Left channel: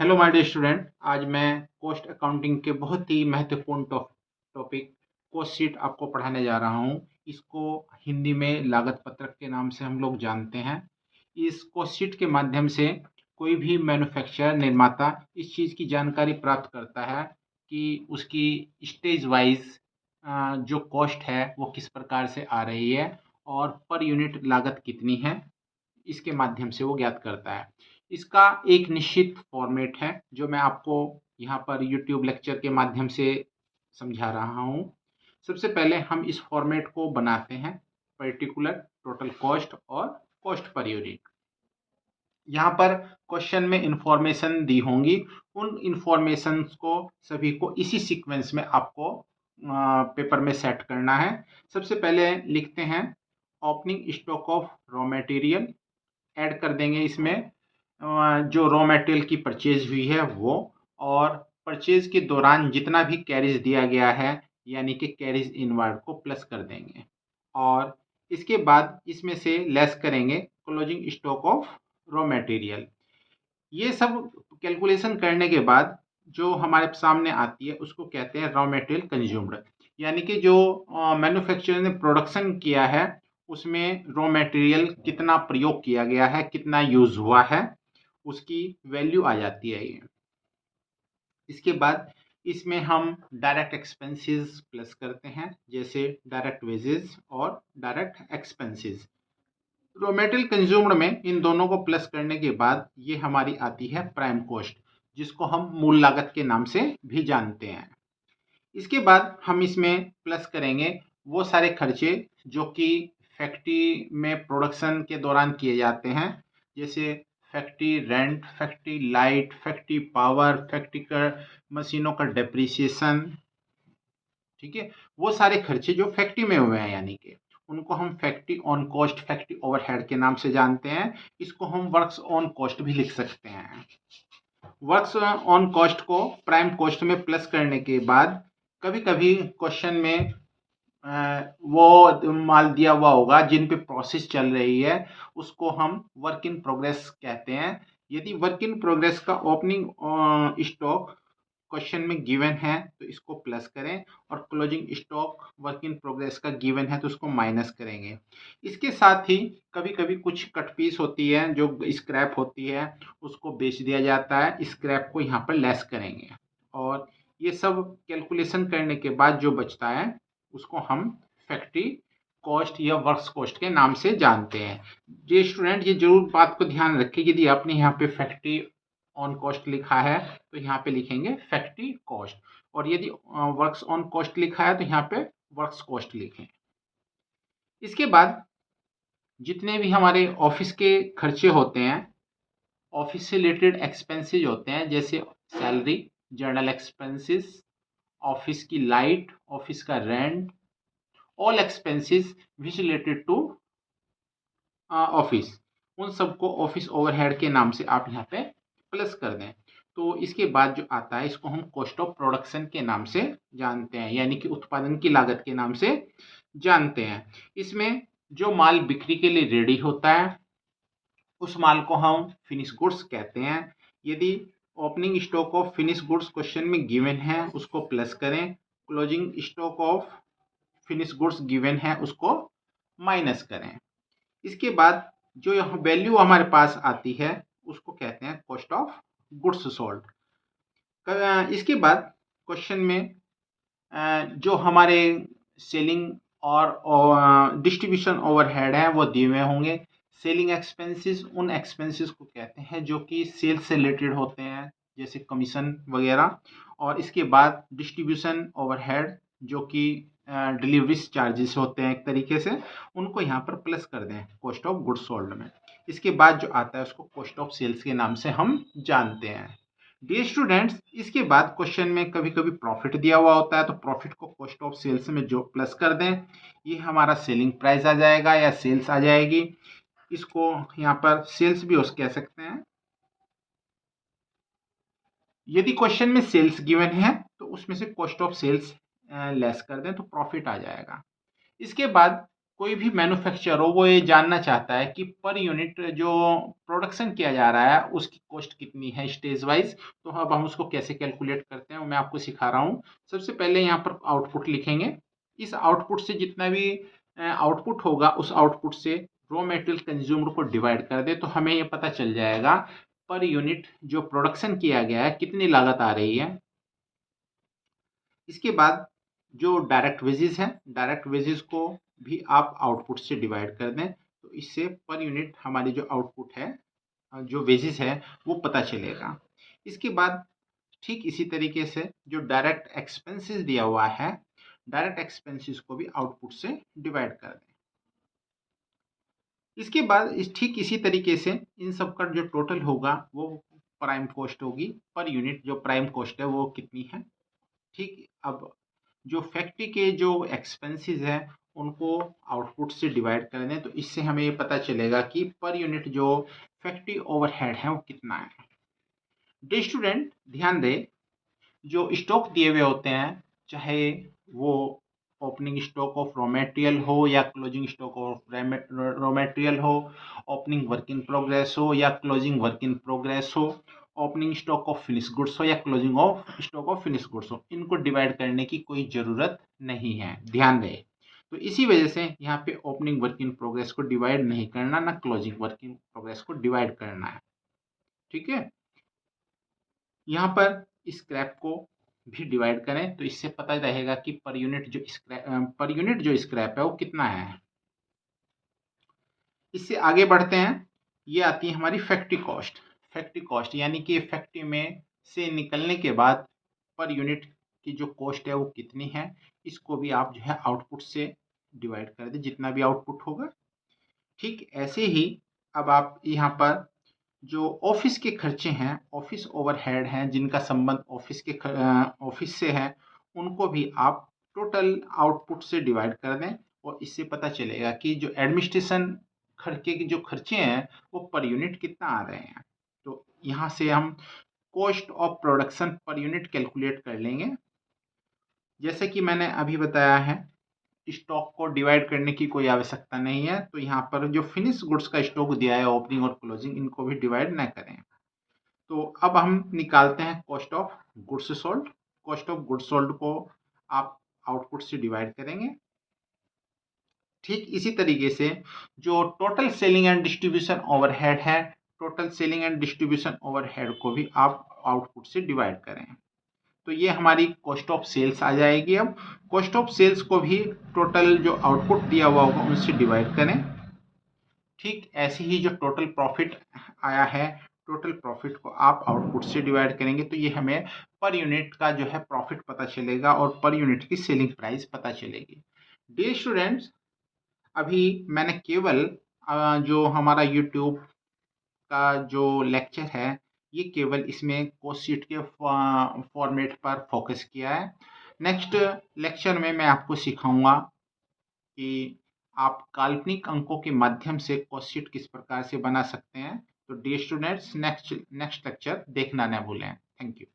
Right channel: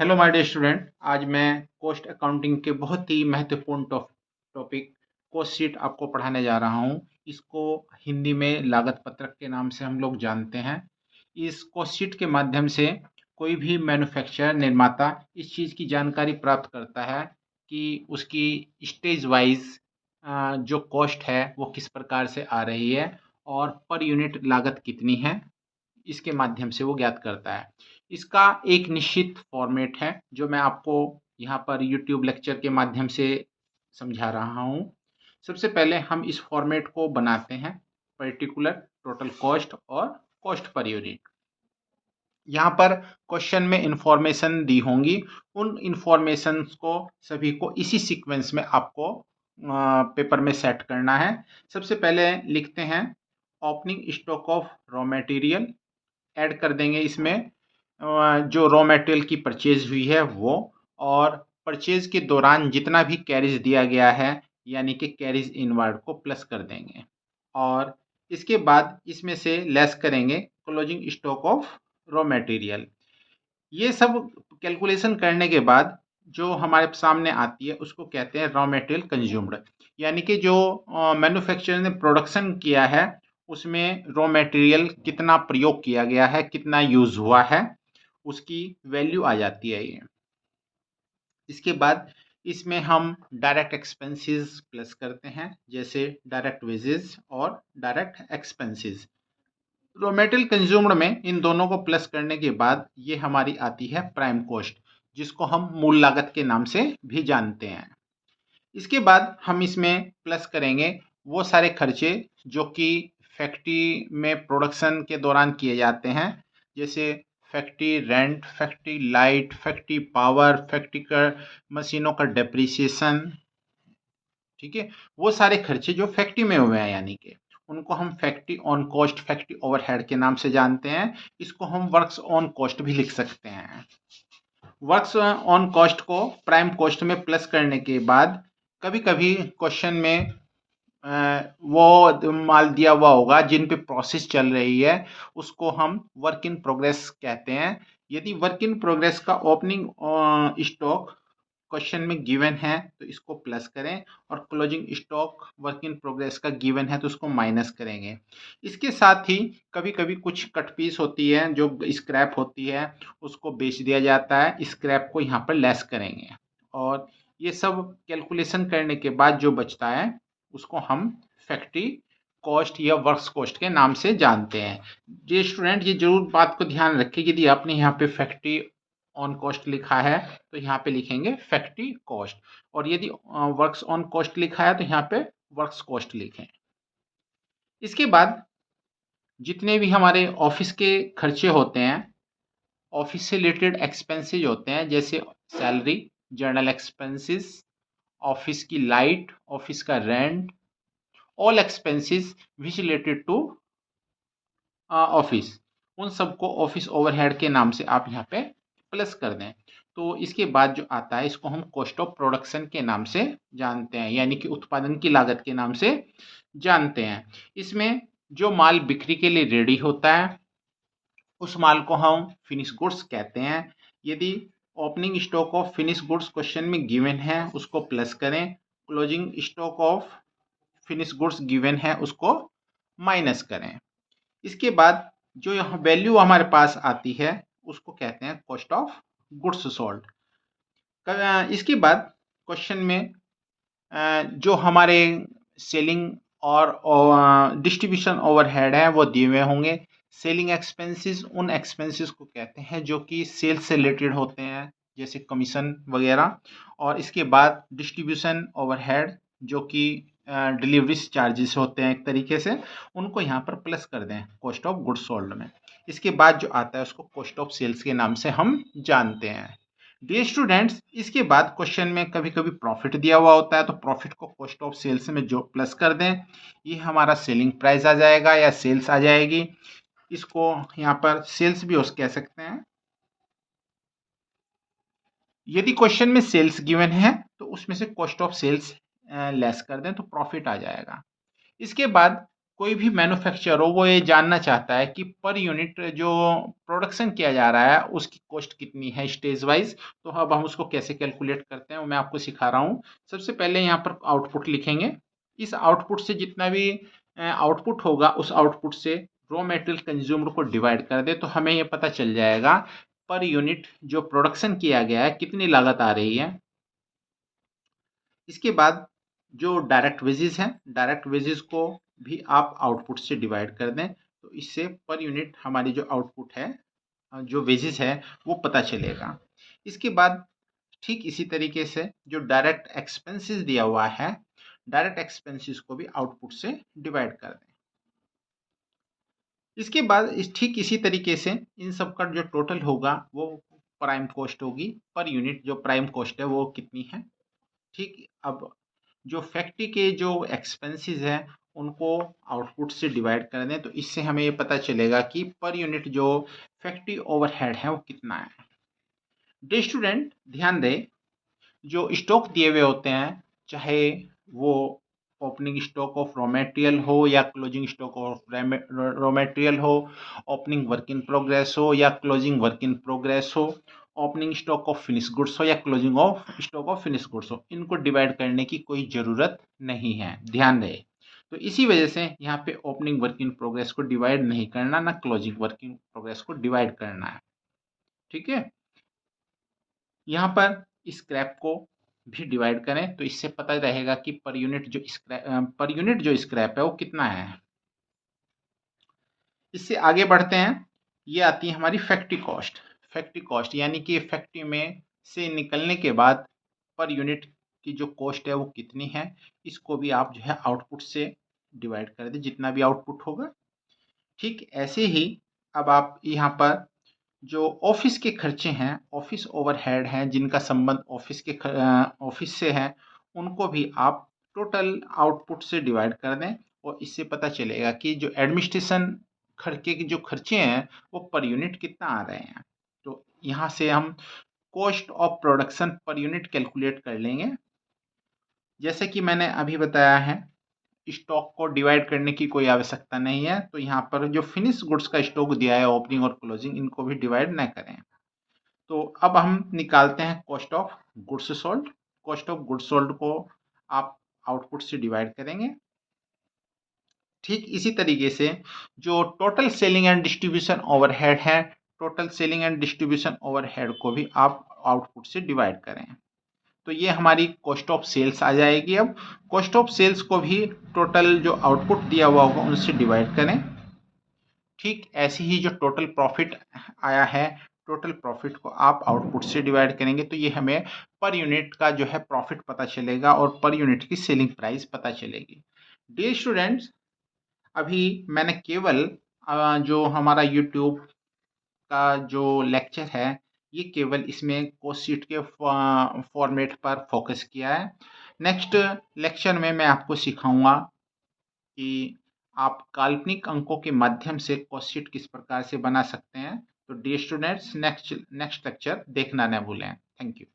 Hello my dear student. आज मैं cost accounting के बहुत ही महत्वपूर्ण टॉपिक कॉस्ट शीट आपको पढ़ाने जा रहा हूँ। इसको हिंदी में लागत पत्रक के नाम से हम लोग जानते हैं। इस कॉस्ट शीट के माध्यम से कोई भी मैन्युफैक्चरर निर्माता इस चीज़ की जानकारी प्राप्त करता है कि उसकी स्टेज वाइज जो कॉस्ट है वो किस प्रकार से आ रही है और पर यूनिट लागत कितनी है, इसके माध्यम से वो ज्ञात करता है। इसका एक निश्चित फॉर्मेट है जो मैं आपको यहाँ पर यूट्यूब लेक्चर के माध्यम से समझा रहा हूँ। सबसे पहले हम इस फॉर्मेट को बनाते हैं, पर्टिकुलर, टोटल कॉस्ट और कॉस्ट पर यूनिट। यहाँ पर क्वेश्चन में इंफॉर्मेशन दी होंगी, उन इंफॉर्मेशन को सभी को इसी सीक्वेंस में आपको पेपर में सेट करना है। सबसे पहले लिखते हैं opening stock of raw material, add कर देंगे इसमें जो रॉ मटेरियल की परचेज हुई है वो, और परचेज के दौरान जितना भी कैरिज दिया गया है यानी कि कैरिज इनवर्ड को प्लस कर देंगे, और इसके बाद इसमें से लेस करेंगे closing stock of raw material. ये सब कैलकुलेशन करने के बाद जो हमारे सामने आती है उसको कहते हैं रॉ मटेरियल कंज्यूम्ड, यानी कि जो मैन्युफैक्चरर ने प्रोडक्शन किया है उसमें रॉ मटेरियल कितना प्रयोग किया गया है, कितना यूज हुआ है, उसकी वैल्यू आ जाती है ये। इसके बाद इसमें हम डायरेक्ट एक्सपेंसेस प्लस करते हैं, जैसे डायरेक्ट वेजेस और direct expenses. Raw material consumed में इन दोनों को प्लस करने के बाद ये हमारी आती है प्राइम कॉस्ट, जिसको हम मूल लागत के नाम से भी जानते हैं। इसके बाद हम इसमें प्लस करेंगे वो सारे खर्चे जो कि फैक्ट्री में प्रोडक्शन के दौरान किए जाते हैं, जैसे factory rent, factory light, factory power, factory का मशीनों का डेप्रिसिएशन। ठीक है, वो सारे खर्चे जो फैक्ट्री में हुए हैं यानी कि उनको हम factory on cost, factory overhead के नाम से जानते हैं। इसको हम वर्क्स ऑन कॉस्ट भी लिख सकते हैं। वर्क्स ऑन कॉस्ट को प्राइम कॉस्ट में प्लस करने के बाद कभी कभी क्वेश्चन में वो माल दिया हुआ होगा जिन पे प्रोसेस चल रही है, उसको हम वर्क इन प्रोग्रेस कहते हैं। यदि वर्क इन प्रोग्रेस का ओपनिंग स्टॉक क्वेश्चन में गिवन है तो इसको प्लस करें, और closing stock work in progress का गिवन है तो उसको माइनस करेंगे। इसके साथ ही कभी कभी कुछ कट पीस होती है जो स्क्रैप होती है, उसको बेच दिया जाता है, स्क्रैप को यहाँ पर लेस करेंगे, और ये सब कैलकुलेशन करने के बाद जो बचता है उसको हम फैक्ट्री कॉस्ट या वर्क्स कॉस्ट के नाम से जानते हैं। ये स्टूडेंट ये जरूर बात को ध्यान रखें, यदि आपने यहाँ पे फैक्ट्री ऑन कॉस्ट लिखा है तो यहाँ पे लिखेंगे फैक्ट्री कॉस्ट, और यदि वर्क्स ऑन कॉस्ट लिखा है तो यहाँ पे वर्क्स कॉस्ट लिखें। इसके बाद जितने भी हमारे ऑफिस के खर्चे होते हैं, ऑफिस से रिलेटेड एक्सपेंसेस होते हैं, जैसे सैलरी, जर्नल एक्सपेंसेस, ऑफिस की लाइट, ऑफिस का rent, all expenses which related to office, उन सबको ऑफिस ओवरहेड के नाम से आप यहाँ पे प्लस कर दें। तो इसके बाद जो आता है इसको हम कॉस्ट ऑफ प्रोडक्शन के नाम से जानते हैं, यानी कि उत्पादन की लागत के नाम से जानते हैं। इसमें जो माल बिक्री के लिए रेडी होता है उस माल को हम फिनिश गुड्स कहते हैं। यदि opening stock of finish goods question में गिवन है उसको प्लस करें, closing stock of finish goods given है उसको माइनस करें। इसके बाद जो यहाँ वैल्यू हमारे पास आती है उसको कहते हैं कॉस्ट ऑफ गुड्स सोल्ड। इसके बाद क्वेश्चन में जो हमारे सेलिंग और डिस्ट्रीब्यूशन ओवरहेड है वो दिए हुए होंगे। सेलिंग एक्सपेंसेस उन एक्सपेंसेस को कहते हैं जो कि सेल्स से रिलेटेड होते हैं, जैसे कमीशन वगैरह, और इसके बाद डिस्ट्रीब्यूशन ओवरहेड जो कि डिलीवरीज चार्जेस होते हैं एक तरीके से, उनको यहाँ पर प्लस कर दें कॉस्ट ऑफ गुड्स सोल्ड में। इसके बाद जो आता है उसको कॉस्ट ऑफ सेल्स के नाम से हम जानते हैं। डियर स्टूडेंट्स, इसके बाद क्वेश्चन में कभी कभी प्रॉफिट दिया हुआ होता है तो प्रॉफिट को कॉस्ट ऑफ सेल्स में जो प्लस कर दें, ये हमारा सेलिंग प्राइस आ जाएगा या सेल्स आ जाएगी। इसको यहाँ पर सेल्स भी कह सकते हैं। यदि क्वेश्चन में सेल्स गिवन है तो उसमें से कॉस्ट ऑफ सेल्स लेस कर दें तो प्रॉफिट आ जाएगा। इसके बाद कोई भी मैन्युफैक्चरर हो वो ये जानना चाहता है कि पर यूनिट जो प्रोडक्शन किया जा रहा है उसकी कॉस्ट कितनी है स्टेज वाइज। तो अब हम उसको कैसे कैलकुलेट करते हैं वो मैं आपको सिखा रहा हूँ। सबसे पहले यहाँ पर आउटपुट लिखेंगे। इस आउटपुट से जितना भी आउटपुट होगा उस आउटपुट से रॉ मटेरियल कंज्यूमर को डिवाइड कर दे तो हमें ये पता चल जाएगा पर यूनिट जो प्रोडक्शन किया गया है कितनी लागत आ रही है। इसके बाद जो डायरेक्ट वेजेस हैं, डायरेक्ट वेजेस को भी आप आउटपुट से डिवाइड कर दें तो इससे पर यूनिट हमारी जो आउटपुट है, जो वेजेस है वो पता चलेगा। इसके बाद ठीक इसी तरीके से जो डायरेक्ट एक्सपेंसेस दिया हुआ है, डायरेक्ट एक्सपेंसेस को भी आउटपुट से डिवाइड कर दें। इसके बाद ठीक इसी तरीके से इन सब का जो टोटल होगा वो प्राइम कॉस्ट होगी। पर यूनिट जो प्राइम कॉस्ट है वो कितनी है। ठीक, अब जो फैक्ट्री के जो एक्सपेंसेस हैं उनको आउटपुट से डिवाइड कर दें तो इससे हमें ये पता चलेगा कि पर यूनिट जो फैक्ट्री ओवरहेड है वो कितना है। डे स्टूडेंट ध्यान दें, जो स्टॉक दिए हुए होते हैं चाहे वो opening stock of raw material हो या closing stock of raw material हो, ओपनिंग वर्क इन प्रोग्रेस हो या क्लोजिंग वर्क इन प्रोग्रेस हो, opening stock of finish goods हो या closing of stock of finish goods हो, इनको डिवाइड करने की कोई ज़रूरत नहीं है, ध्यान रहे। तो इसी वजह से यहाँ पे ओपनिंग वर्क इन प्रोग्रेस को डिवाइड नहीं करना, ना क्लोजिंग वर्क इन प्रोग्रेस को डिवाइड करना है। ठीक है, यहाँ पर स्क्रैप को भी डिवाइड करें तो इससे पता रहेगा कि पर यूनिट जो स्क्रैप है वो कितना है। इससे आगे बढ़ते हैं, ये आती है हमारी फैक्ट्री कॉस्ट। फैक्ट्री कॉस्ट यानी कि फैक्ट्री में से निकलने के बाद पर यूनिट की जो कॉस्ट है वो कितनी है, इसको भी आप जो है आउटपुट से डिवाइड कर दें जितना भी आउटपुट होगा। ठीक ऐसे ही अब आप यहाँ पर जो ऑफिस के खर्चे हैं, ऑफिस ओवरहेड हैं जिनका संबंध ऑफिस से है, उनको भी आप टोटल आउटपुट से डिवाइड कर दें और इससे पता चलेगा कि जो एडमिनिस्ट्रेशन खर्चे के जो खर्चे हैं वो पर यूनिट कितना आ रहे हैं। तो यहाँ से हम cost of production per unit calculate कर लेंगे। जैसे कि मैंने अभी बताया है, स्टॉक को डिवाइड करने की कोई आवश्यकता नहीं है, तो यहाँ पर जो फिनिश गुड्स का स्टॉक दिया है ओपनिंग और क्लोजिंग, इनको भी डिवाइड न करें। तो अब हम निकालते हैं cost of goods sold. Cost of goods sold को आप आउटपुट से डिवाइड करेंगे। ठीक इसी तरीके से जो total selling and distribution overhead है, total selling and distribution overhead को भी आप आउटपुट से डिवाइड करें तो ये हमारी कॉस्ट ऑफ सेल्स आ जाएगी। अब कॉस्ट ऑफ सेल्स को भी टोटल जो आउटपुट दिया हुआ होगा उनसे डिवाइड करें। ठीक ऐसे ही जो टोटल प्रॉफिट आया है, टोटल प्रॉफिट को आप आउटपुट से डिवाइड करेंगे तो ये हमें पर यूनिट का जो है प्रॉफिट पता चलेगा और पर यूनिट की सेलिंग प्राइस पता चलेगी। डियर स्टूडेंट्स, अभी मैंने केवल जो हमारा यूट्यूब का जो लेक्चर है ये केवल इसमें कॉस्ट शीट के फॉर्मेट पर फोकस किया है। नेक्स्ट लेक्चर में मैं आपको सिखाऊंगा कि आप काल्पनिक अंकों के माध्यम से कॉस्ट शीट किस प्रकार से बना सकते हैं। तो डियर स्टूडेंट्स, नेक्स्ट लेक्चर देखना न भूलें। Thank you.